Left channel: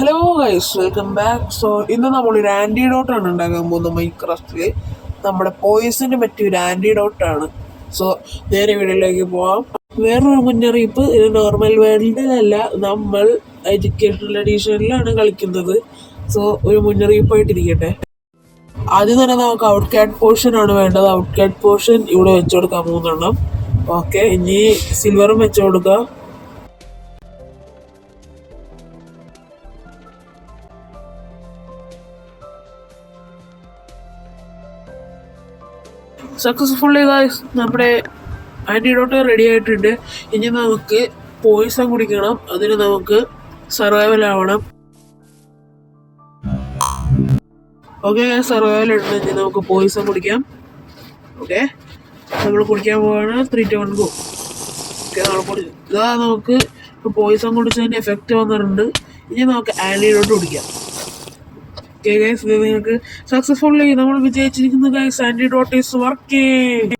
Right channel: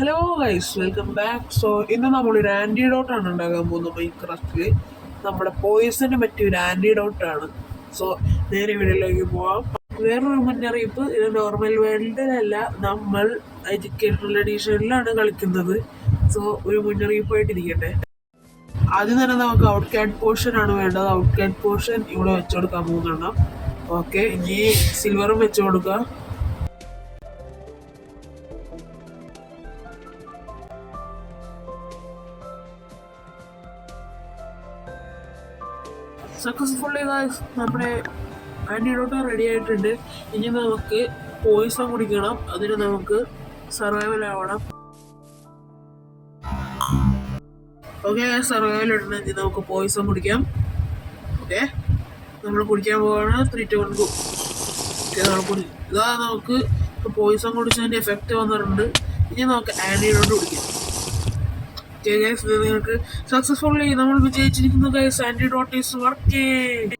Hello guys, welcome back. So ഇന്ന് നമ്മളൊരു ആൻറ്റിഡോട്ടാണ് ഉണ്ടാക്കാൻ പോകുന്നത് മൈൻക്രാഫ്റ്റിൽ. നമ്മുടെ പോയിസന് പറ്റിയ ഒരു ആൻറ്റിഡോട്ടാണ്. സോ നേരെ വീഡിയോയിലേക്ക് പോവാം. വേറൊരു മുന്നറിയിപ്പ്, ഇത് നോർമൽ വേൾഡിലല്ല, നമ്മൾ എഡ്യൂക്കേഷണൽ എഡീഷനിലാണ് കളിക്കുന്നത്. സോ ഒരു മുന്നറിയിപ്പായിട്ടിരിക്കട്ടെ. ആദ്യം തന്നെ നമുക്ക് ഔട്ട് കാറ്റ് പോർഷൻ ആണ് വേണ്ടത്. ഔട്ട് കാറ്റ് പോർഷൻ ഇവിടെ വെച്ചു കൊടുക്കാൻ 3 ഓക്കെ. ഇനി സിൽവറും വെച്ചു കൊടുക്കുക. സക്സസ്ഫുള്ളി ഗായ്സ്, നമ്മുടെ ആൻറ്റിഡോട്ട് റെഡി ആയിട്ടുണ്ട്. ഇനി നമുക്ക് പോയിസൺ കുടിക്കണം. അതിന് നമുക്ക് സർവൈവൽ ആവണം. ഓക്കെ, സർവൈവൽ ഉണ്ട്. ഇനി നമുക്ക് പോയിസൺ കുടിക്കാം. ഓക്കെ, നമ്മൾ കുടിക്കാൻ പോവാണ്. 3, 2, 1 ഗോ. ഓക്കെ, നമ്മൾ കുടിച്ചു. ഇതാ നമുക്ക് പോയിസൺ കുടിച്ചതിൻ്റെ എഫക്റ്റ് വന്നിട്ടുണ്ട്. ഇനി നമുക്ക് ആൻറ്റിഡോട്ട് കുടിക്കാം. ഓക്കെ ഗൈസ്, ഇത് നിങ്ങൾക്ക് സക്സസ്ഫുള്ളി നമ്മൾ വിജയിച്ചിരിക്കുന്നു ഗൈസ്. Antidote is working.